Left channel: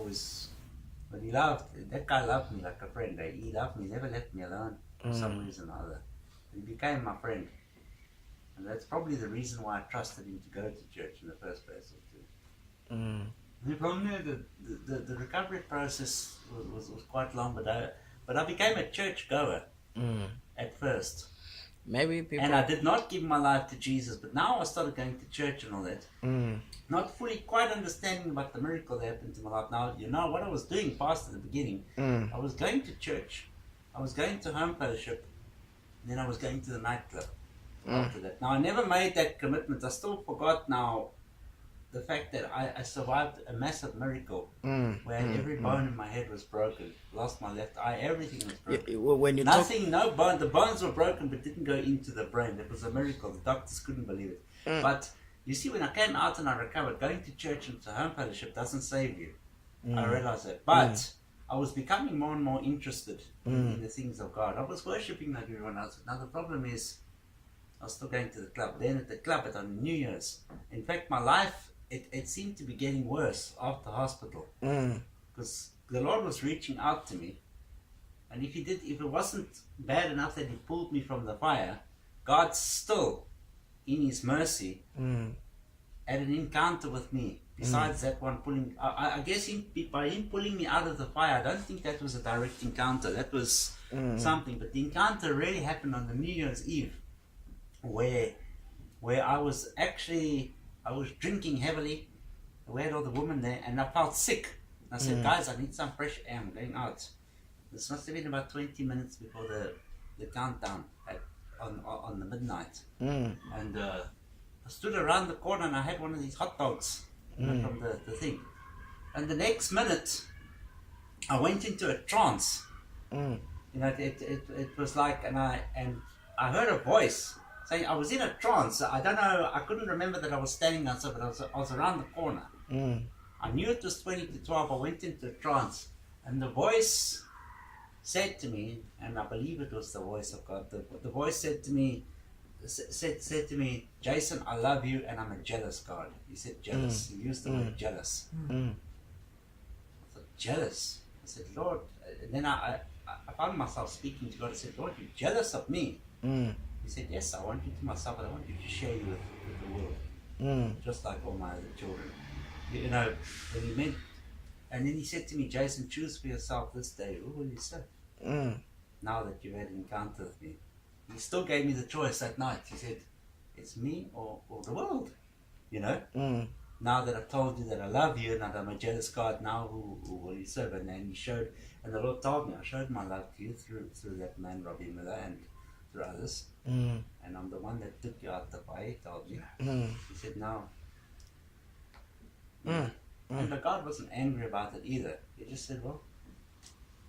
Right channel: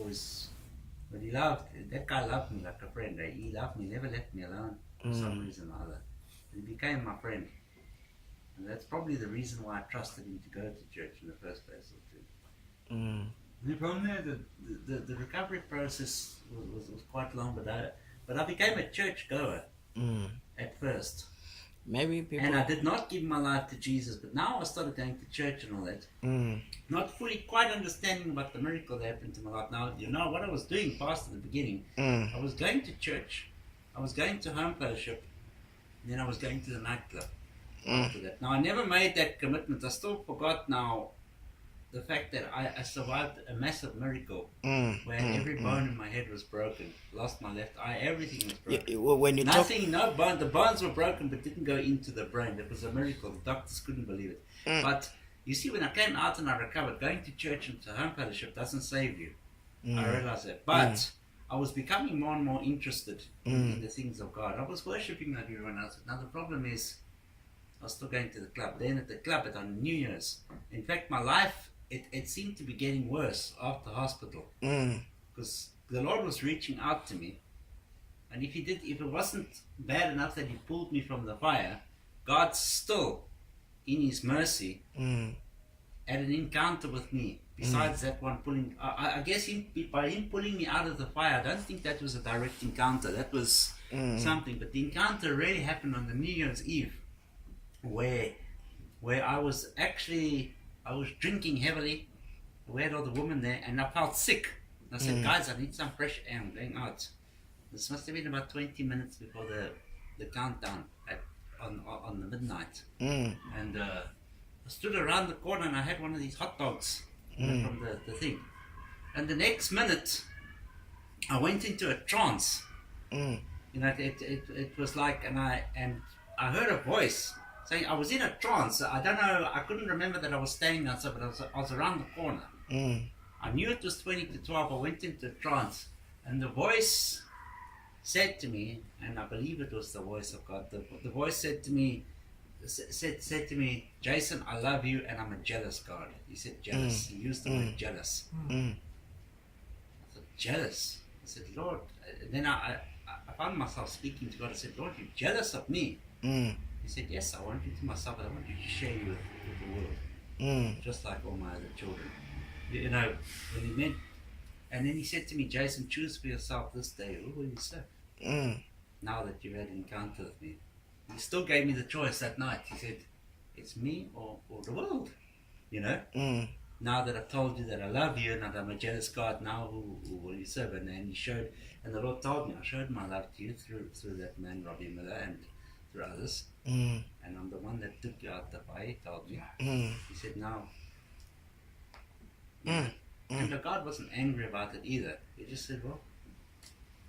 always, but that guy loved me like a friend. He loved me, never left me alone for some reason or other. He became my friend. And that's probably the reason why I trusted him to go to church in the first place. And from there, the recovery process was quite long, but I became a church goer at first. Maybe people... And I did not give my life to Jesus, but now I started going to church and all that. Not fully quite understanding about the miracle that happened to my life. Now, you know what I was doing past at the beginning. I was going to church, I was going to home fellowship, and then I was going to the nightclub after that. Now, I never made that commitment. I still forgot now the fact that I survived a massive miracle where every bone in my head was broken, lost my left eye, everything was broken. When you no bone, the bones were broken but didn't go into the brain. It was a miracle. The doctors couldn't believe it. But you see, when I came out and I recovered, going to church and to home fellowship doesn't save you. I realized that. But I was becoming more and more interested in the things of God. I was worshipping like everyone else. Now the problem is, I was still going to the club. Then at the club on New Year's, in fact, my life, it seemed to be getting worse after hospital, because the Lord was reaching out to me, and if it wasn't bad enough that He pulled me from the fire, God still, in His mercy, had an encounter with me. Besides that one pulling, I guess by Him pulling me out of the fire, I don't think that was a direct encounter. That was something, but the encounter really happened on the New Year's Eve, where I was drinking heavily. We had all the women there, and I felt sick. I said, guys, I need some fresh air. I'm going out. This must have been about 20 minutes before the countdown on the midnight. And I stood around the corner and I had one of these hot dogs from the thing. And the next minute, I went into a trance. You know, it was like, and I heard a voice saying, I was in a trance. I don't know, I couldn't remember that I was standing outside, but I was around the corner. I knew it was 20 to 12. I went into a trance, and the voice said to me, and I believe it was the voice of God. The voice said to me, Jason, I love you, and I'm a jealous God. He said jealous. He used the word jealous. I said, jealous? I said, Lord. And then I found myself speaking to God. I said, Lord, you're jealous of me. He said, yes, I want you to myself, but I want you to share you with the world, just like all my other children. You know, when he meant, and then he said to me, Jason, choose for yourself this day. Who will you serve? Now that you've had an encounter with me. He still gave me the choice that night. He said, it's me or the world, you know. Now that I've told you that I love you and that I'm a jealous God, now who will you serve? And then he showed, and the Lord told me, I showed my love to you through that man, Robbie Miller, and through others. And I'm the one that took you out the fire, he told me. He said, now. And the God wasn't angry about it either. He just said, well,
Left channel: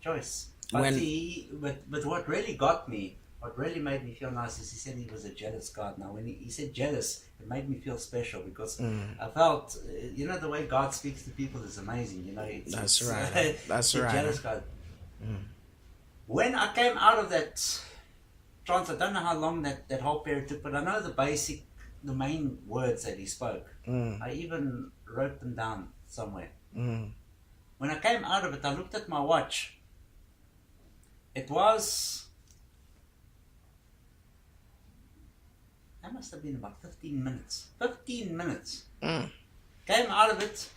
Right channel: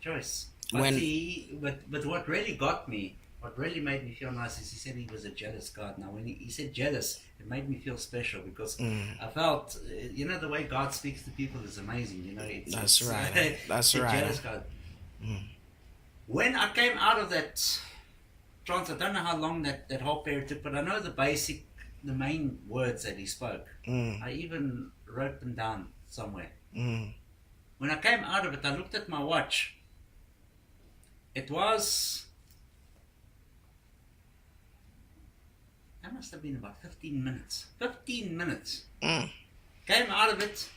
choice. But what really got me, what really made me feel nice is he said he was a jealous God. Now, when he said jealous, it made me feel special because I felt, you know, the way God speaks to people is amazing. You know, that's right. That's right. Jealous God. When I came out of that trance, I don't know how long that whole period took, but I know the main words that he spoke. I even wrote them down somewhere. When I came out of it, I looked at my watch. It was, that must have been about 15 minutes. 15 minutes. Came out of it.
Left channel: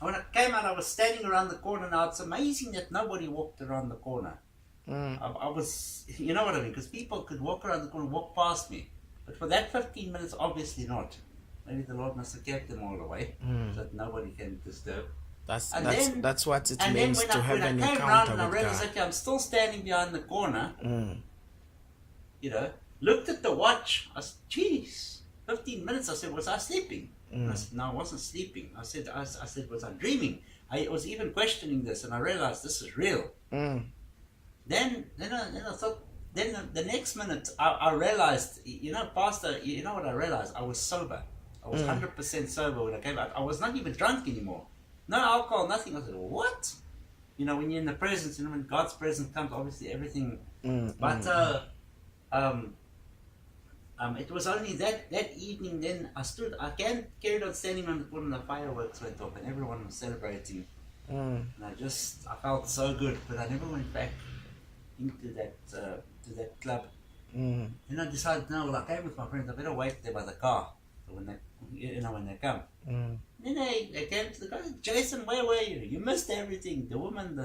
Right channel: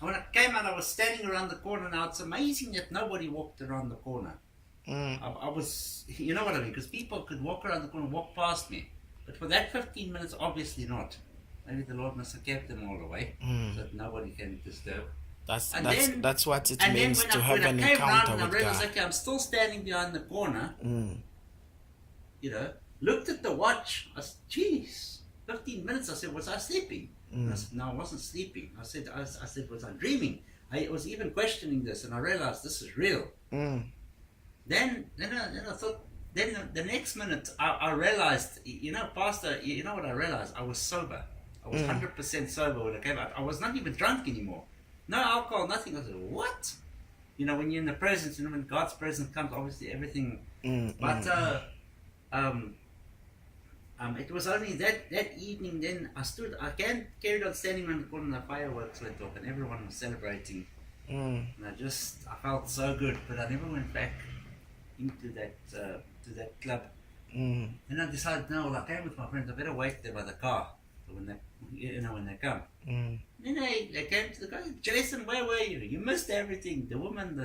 And when I came out, I was standing around the corner. Now, it's amazing that nobody walked around the corner. I was, you know what I mean? Because people could walk around the corner, walk past me. But for that 15 minutes, obviously not. Maybe the Lord must have kept them all away so that nobody can disturb. That's what it means to have an encounter with God. I realized, okay, I'm still standing behind the corner. You know, looked at the watch. I said, geez, 15 minutes. I said, was I sleeping? I said, no, I wasn't sleeping. I said, was I dreaming? I was even questioning this, and I realized this is real. Then I thought. Then the next minute, I realized, you know, Pastor, you know what I realized? I was sober. I was 100% sober when I came out. I was not even drunk anymore. No alcohol, nothing. I said, what? You know, when you're in the presence, and when God's presence comes, obviously everything. But it was only that evening. Then I carried on standing on the corner, and the fireworks went off, and everyone was celebrating. And I felt so good, but I never went back into that to that club. And I decided, no, I came with my friends. I better wait there by the car when they come. And then they came to the guy. Jason, where were you? You missed everything. The woman,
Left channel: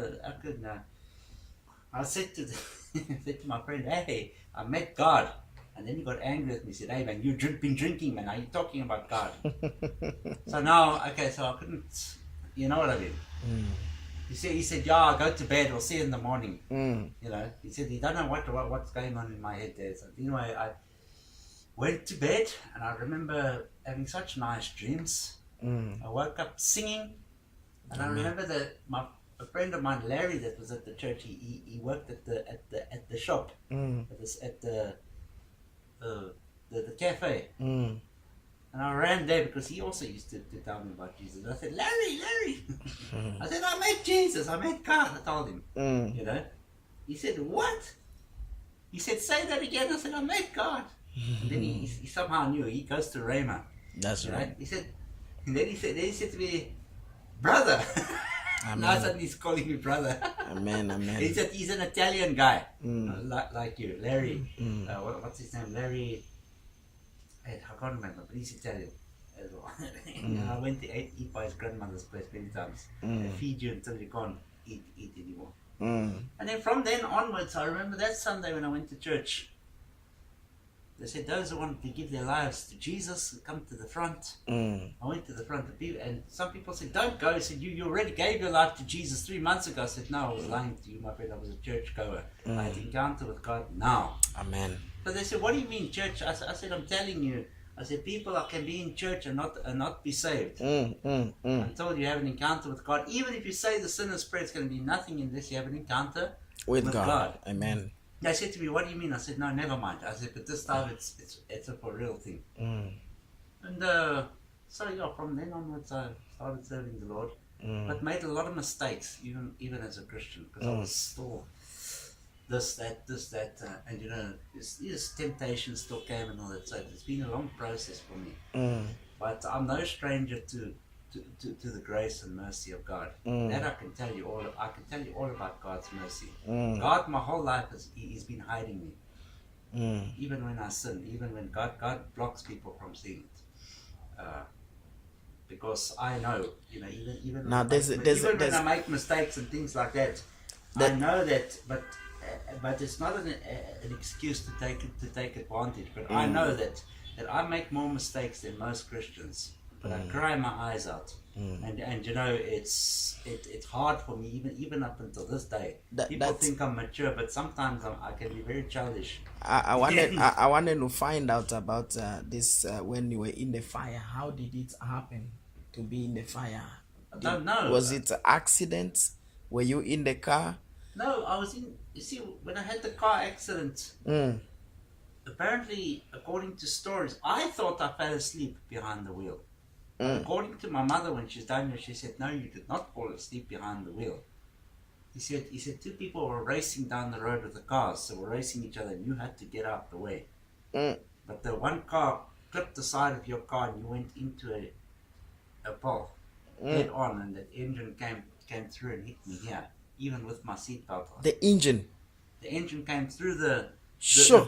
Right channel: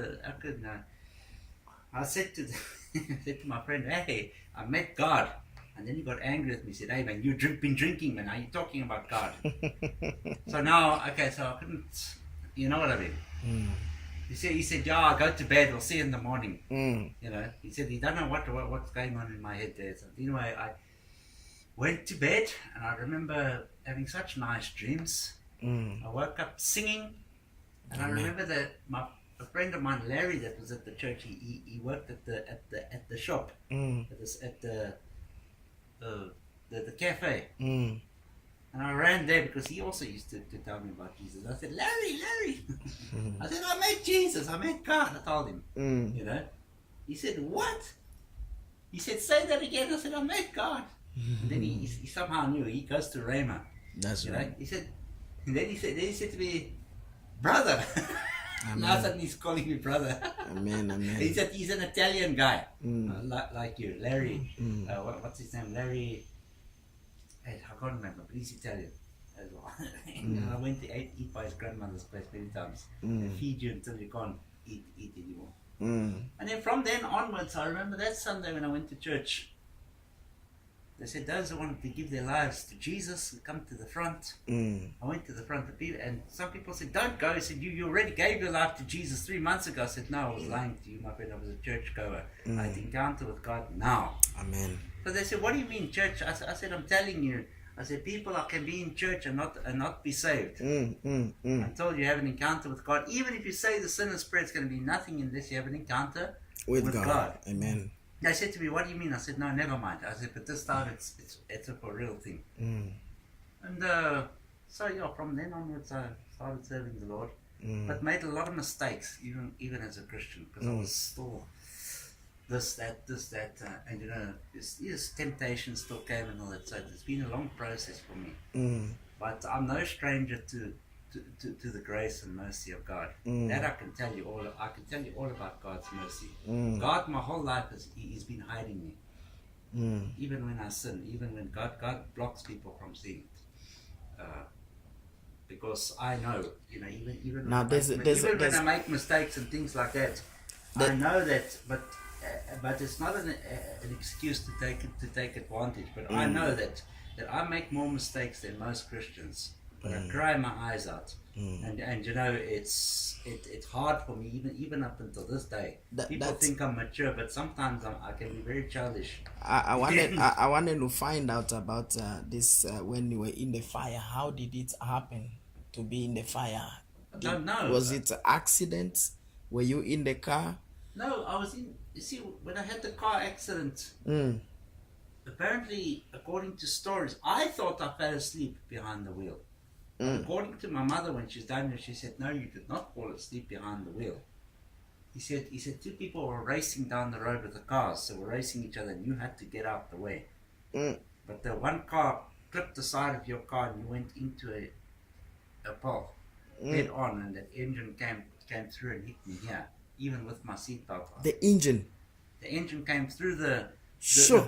I said to said to my friend, hey, I met God. And then he got angry with me. He said, hey man, you've been drinking, man. Are you talking about God? So now, okay, so I couldn't, you know what I mean? He said, yeah, I'll go to bed. We'll see you in the morning. You know, he said, he don't know what's going on in my head there. So anyway, I went to bed, and I remember having such nice dreams. I woke up singing, and I remember that a friend of mine, Larry, that was at the church. He worked at the shop, at the cafe. And I ran there because he also used to tell me about Jesus. I said, Larry. I said, I met Jesus. I met God. I told him. You know. He said, what? He said, say that again. I said, I met God. And then he somehow knew. He goes to Rhema. That's right. He said, and then he said to me, brother. Now suddenly he's calling me brother. Amen. He said he's an Italian guy, like you, Larry. What's his name? Larry. I can't remember, but he's Italian as well. I went to eat by his grandmother's place many times. They feed you until you can't eat anymore. And then from then onwards, I remember that Sunday when I went to church. They said those who wanted to give their lives to Jesus come to the front. I went to the front, and some people said, don't go. He said, you already gave your life to Jesus 3 months ago. I said, no, I was lying to you, my friend. I was a church goer. I had encounter with God now. Amen. So they said, what do you mean church? I said, I'm telling you. I said, people can be in church and not be saved until you have an encounter with God. Even if you say the sinner's prayer, it's going to be nothing unless you have an encounter with God. Amen. They said to me, what do you mean? I said, no, never mind. I said, but this time it's a for real thing. And so yeah, from then onwards I started serving the Lord, but made a lot of mistakes, even as a Christian, because I was still this, that, and you know, this temptation still came and all that. So it's been a long process for me. But I'm no stranger to the grace and mercy of God. That I can tell you all. I can tell you all about God's mercy. God, my whole life He's been hiding me. Even when I sin, even when God blocks people from seeing it, because I know, you know, even now when I make mistakes and things like that, I know that, but it's not an excuse to take advantage. But I know that I make more mistakes than most Christians. But I cry my eyes out, and you know, it's hard for me even up until this day. People think I'm mature, but sometimes I can be very childish. I wanted to find out about this when you were in the fire. How did it happen to be in the fire? I don't know. Was it an accident? Were you in the car? No, I was in. You see, when I had the car accident, apparently, according to stories, I thought I fell asleep behind the wheel. According to my mother, when she's down there, she said, no, you did not fall asleep behind the wheel. He said 2 people were racing down the road with the cars, so were racing each other, and you had to get out the way. But the one car clipped the side of your car, and you went into a pole head on, and that engine came through and hit me here, even with my seatbelt on. The engine came through the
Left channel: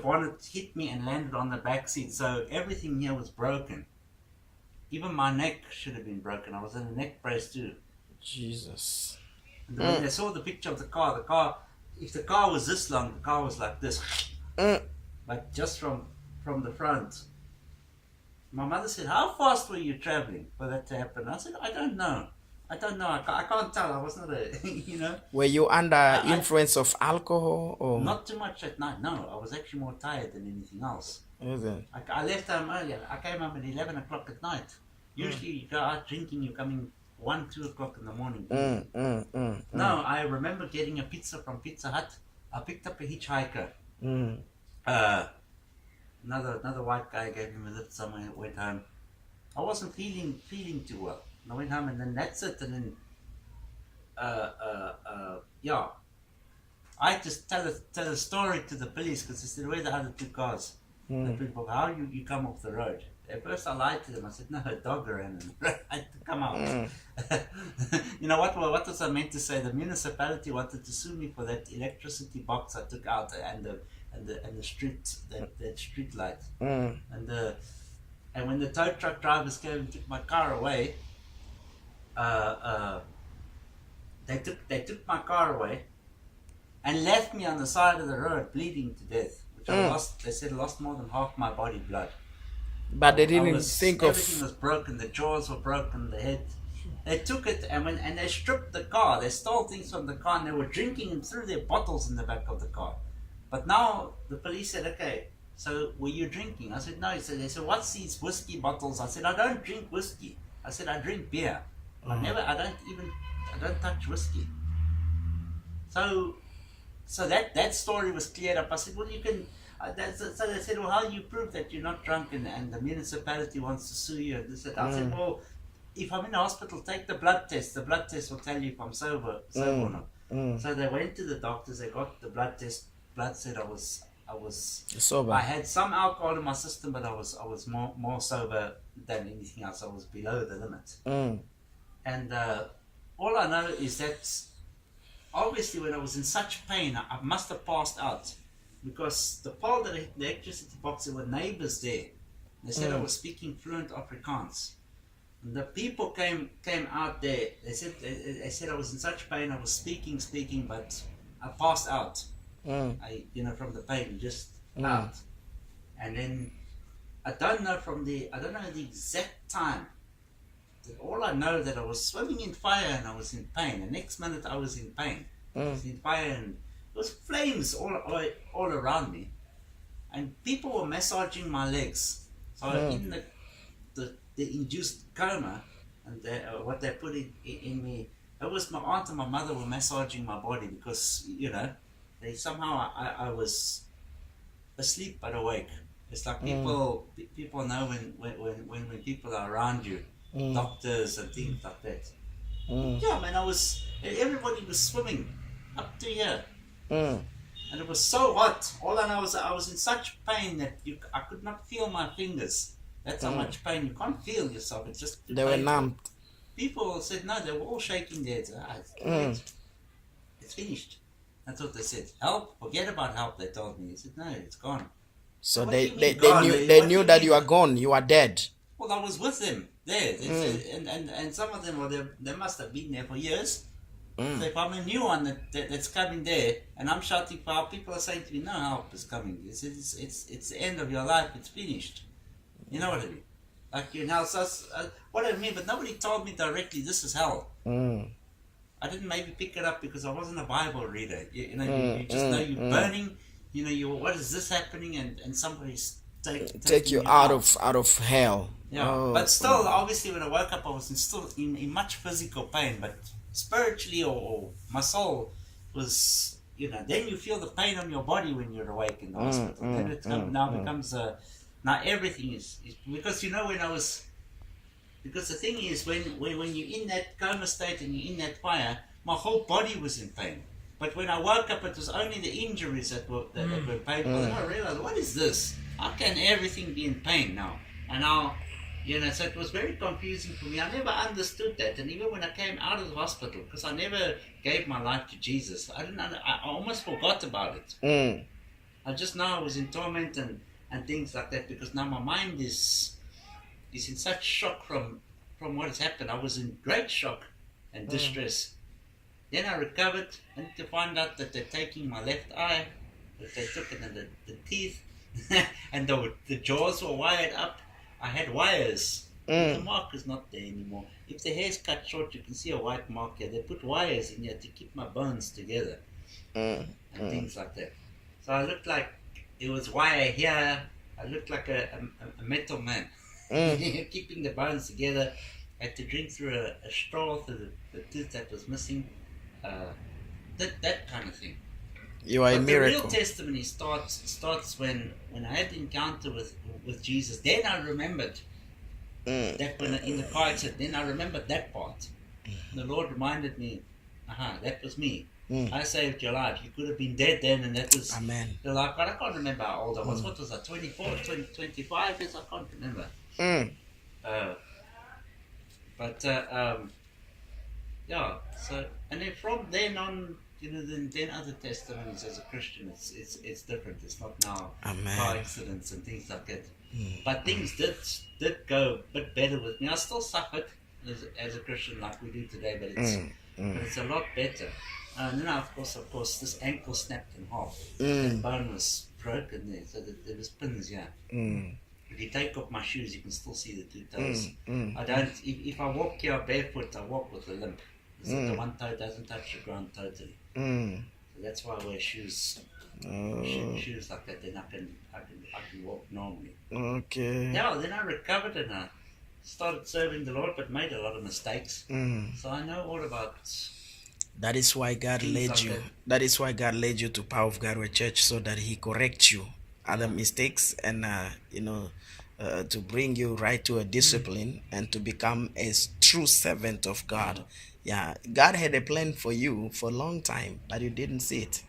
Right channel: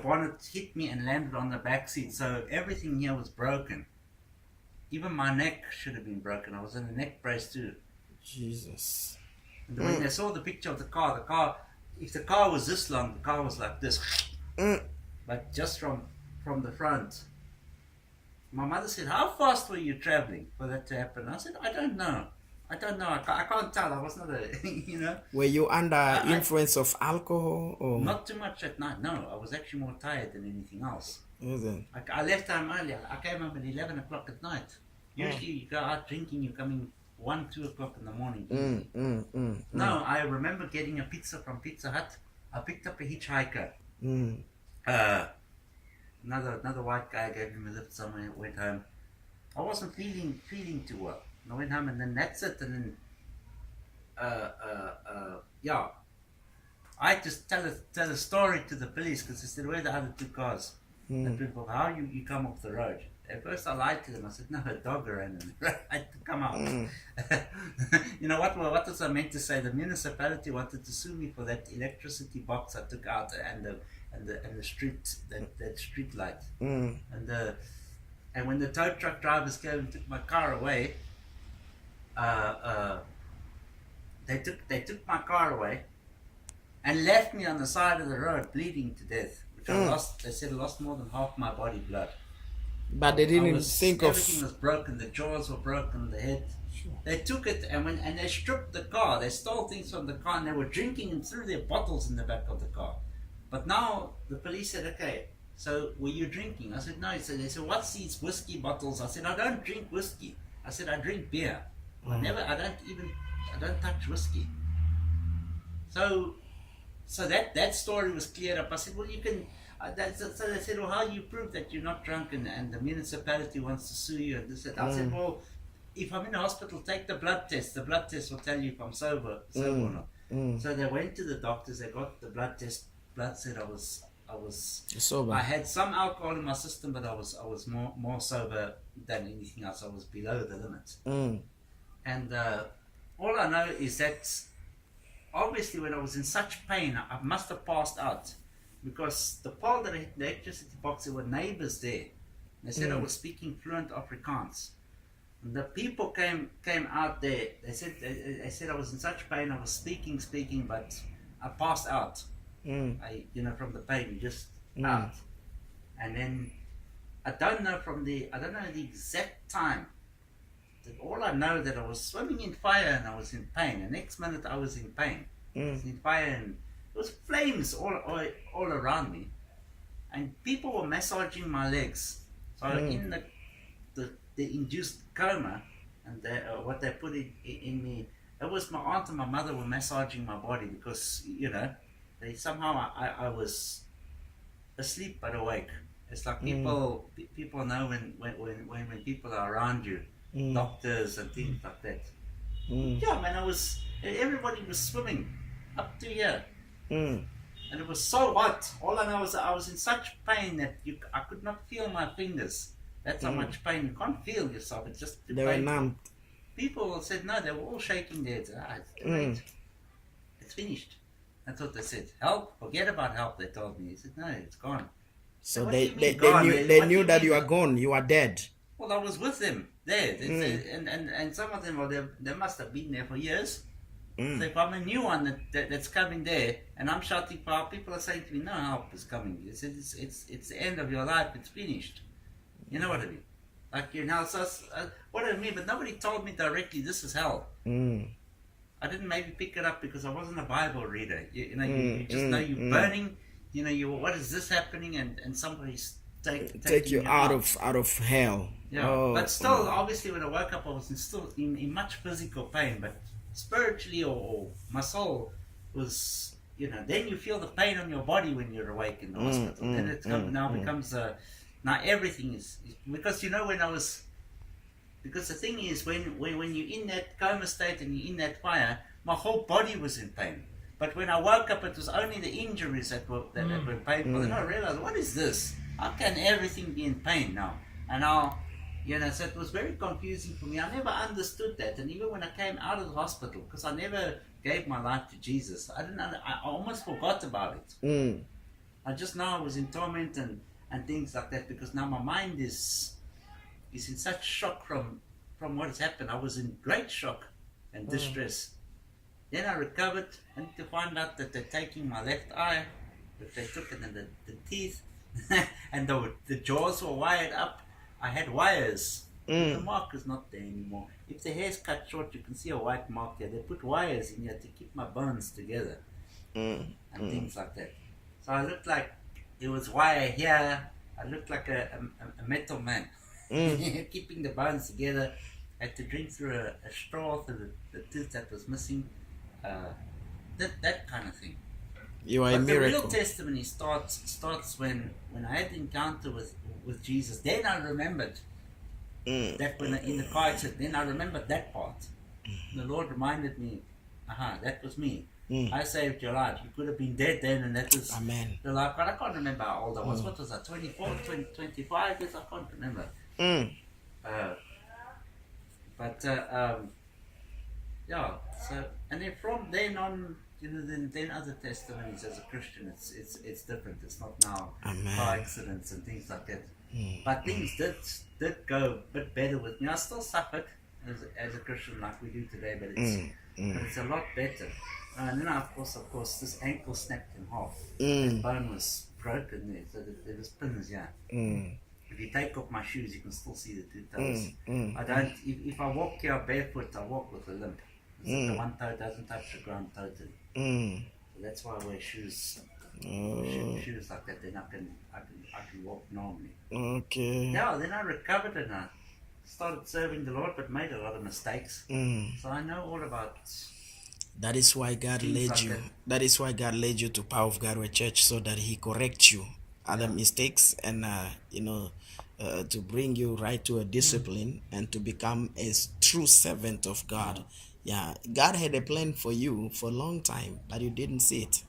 bonnet, hit me, and landed on the back seat. So everything here was broken. Even my neck should have been broken. I was in a neck brace too. Jesus. And when they saw the picture of the car, if the car was this long, the car was like this. But just from the front. My mother said, how fast were you traveling for that to happen? I said, I don't know. I can't tell. I was not you know. Were you under influence of alcohol? Or? Not too much at night. No, I was actually more tired than anything else. Is it? I left home earlier. I came home at 11 o'clock at night. Usually you go out drinking, you're coming 1, 2 o'clock in the morning. No, I remember getting a pizza from Pizza Hut. I picked up a hitchhiker. Another white guy gave him a lift somewhere, went home. I wasn't feeling too well. And I went home, and then that's it. And then, I just tell a story to the police because they said, where are the other 2 cars? The people, how you come off the road? At first I lied to them. I said, no, a dog ran and I had to come out. You know, what was I meant to say? The municipality wanted to sue me for that electricity box I took out and the street, that street light. And when the tow truck drivers came and took my car away, they took my car away and left me on the side of the road bleeding to death, which I lost. They said I lost more than half my body blood. But they didn't think of... Everything was broken. The jaws were broken. The head. They took it and they stripped the car. They stole things from the car and they were drinking and threw their bottles in the back of the car. But now the police said, okay, so were you drinking? I said, no. They said, what's these whiskey bottles? I said, I don't drink whiskey. I said, I drink beer. I don't touch whiskey. So that story was cleared up. I said, well, you can... so they said, well, how do you prove that you're not drunk and the municipality wants to sue you? And this, I said, well, if I'm in the hospital, take the blood test. The blood test will tell you if I'm sober or not. So they went to the doctors. They got the blood test. Blood said I was sober. I had some alcohol in my system, but I was more sober than anything else. I was below the limit. And all I know is that obviously when I was in such pain, I must have passed out. Because the pole that hit the electricity box, there were neighbors there. They said I was speaking fluent Afrikaans. And the people came out there. They said I was in such pain. I was speaking, but I passed out. From the pain, just out. And then I don't know the exact time. All I know that I was swimming in fire and I was in pain. The next minute I was in pain. I was in fire and there was flames all around me, and people were massaging my legs. So in the induced coma, and what they put in me, it was my aunt and my mother were massaging my body because they somehow I was asleep but awake. It's like people know when people are around you, doctors and things like that. Yeah, man, everybody was swimming up to here. And it was so hot. All I know is I was in such pain that I could not feel my fingers. That's how much pain. You can't feel yourself. It's just they were numbed. People said no. They were all shaking their heads. It's great. It's finished. That's what they said. Help? Forget about help. They told me. They said no. It's gone. So they knew that you are gone. You are dead. Well, I was with them there. And some of them, they must have been there for years. So if I'm a new one that's coming there and I'm shouting for help, people are saying to me, no help is coming. It's the end of your life. It's finished. You know what I mean? Like what I mean, but nobody told me directly this is hell. I didn't maybe pick it up because I wasn't a Bible reader. You just know you're burning. What is this happening? And somebody's take you out of hell. Yeah, but still, obviously, when I woke up, I was still in much physical pain, but spiritually or my soul was, then you feel the pain on your body when you're awake in the hospital. Then it becomes now everything is because because the thing is when you're in that coma state and you're in that fire, my whole body was in pain. But when I woke up, it was only the injuries that were painful. And I realized, what is this? How can everything be in pain now? And now, so it was very confusing for me. I never understood that. And even when I came out of the hospital, because I never gave my life to Jesus, I almost forgot about it. I just know I was in torment and things like that, because now my mind is in such shock from what has happened. I was in great shock and distress. Then I recovered, and to find out that they're taking my left eye, that they took it, and the teeth, and the jaws were wired up. I had wires. The mark is not there anymore. If the hair's cut short, you can see a white mark here. They put wires in here to keep my bones together and things like that. So I looked like it was wire here. I looked like a metal man, keeping the bones together. I had to drink through a straw through the tooth that was missing. That kind of thing. You are a miracle. The real testimony starts when I had the encounter with Jesus. Then I remembered that when in the car I said, then I remembered that part. The Lord reminded me That was me. Mm. I saved your life. You could have been dead then, and that was Amen. your life. But I can't remember how old I was. What was I, 24, 20, 25 years? I can't remember. Mm. Yeah, so, and then from then on, then other testimonies as a Christian, it's different. It's not now Amen. car accidents and things like that. Mm. But things did go a bit better with me. I still suffered as a Christian like we do today, but it's a lot better. And then of course, this ankle snapped in half. The bone was broken there, so there was pins. Yeah. If you take off my shoes, you can still see the two toes. I don't. If I walk here barefoot, I walk with a limp. The one toe doesn't touch the ground totally. So that's why I wear shoes. Shoes like that. Then I can walk normally. Okay. Yeah. Then I recovered and I started serving the Lord, but made a lot of mistakes. So I know all about. That is why God led like you. that. Is why God led you to Power of God Church, so that He corrects you other mistakes and to bring you right to a discipline and to become a true servant of God. Yeah, God had a plan for you for a long time, but you didn't see it.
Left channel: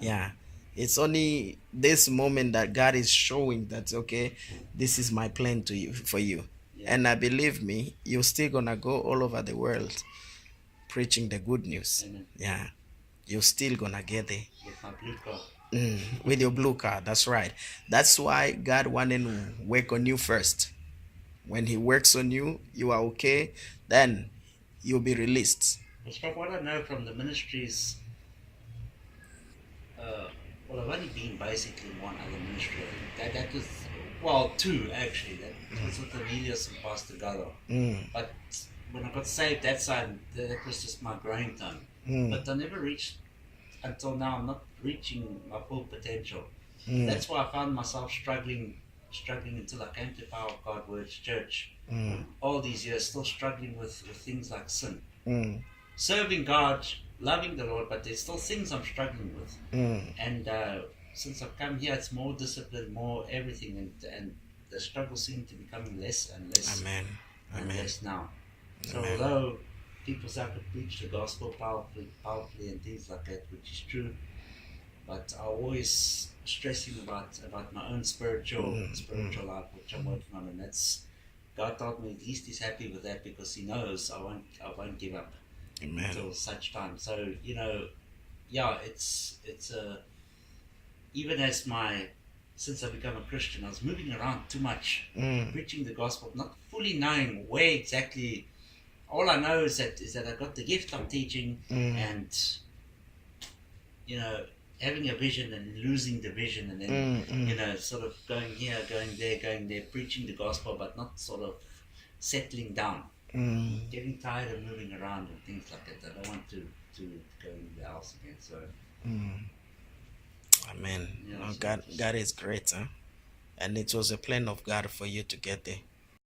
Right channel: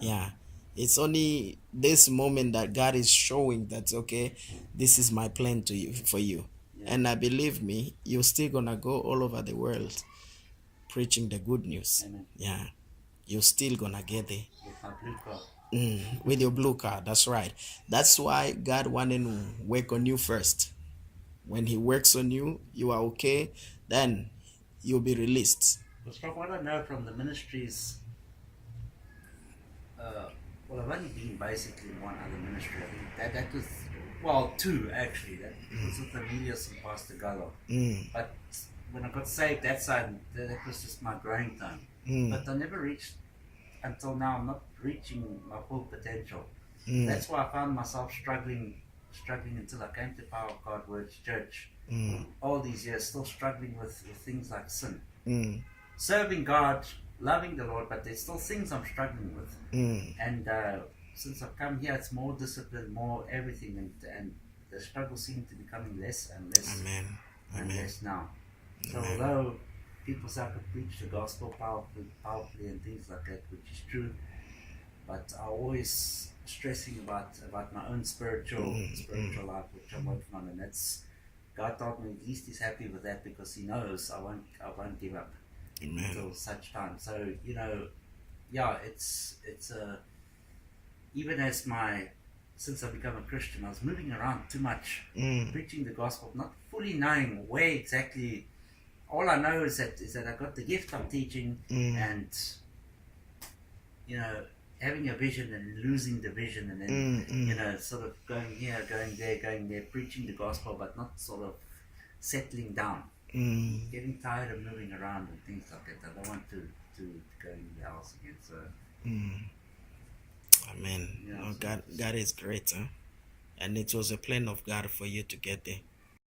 Yeah. It's only this moment that God is showing that, okay, this is my plan for you. And believe me, you're still gonna go all over the world preaching the good news. Amen. Yeah, you're still gonna get there. With my blue card. With your blue card, that's right. That's why God wanted to work on you first. When He works on you, you are okay, then you'll be released. Because from what I know from the ministries, well, I've only been basically in one other ministry. I think that was, well, two actually. That was with Emilius and Pastor Gallo. But when I got saved, that side, that was just my growing time. But I never reached, until now, I'm not reaching my full potential. That's why I found myself struggling until I came to Power of God Words Church. All these years, still struggling with things like sin. Serving God, loving the Lord, but there's still things I'm struggling with. And since I've come here, it's more discipline, more everything, and the struggle seems to be becoming less and less. Amen. And Amen. less now. So Amen. although people say I could preach the gospel powerfully and things like that, which is true, but I'm always stressing about my own spiritual life, which I'm working on, and that's, God told me at least He's happy with that, because He knows I won't give up. Amen. Until such time. So it's even as since I become a Christian, I was moving around too much, preaching the gospel, not fully knowing where exactly. All I know is that I got the gift of teaching, and having a vision and losing the vision, and then sort of going here, going there, preaching the gospel, but not sort of settling down. Getting tired of moving around and things like that. I don't want to go in the house again. So. Amen. God is great, huh? And it was a plan of God for you to get there.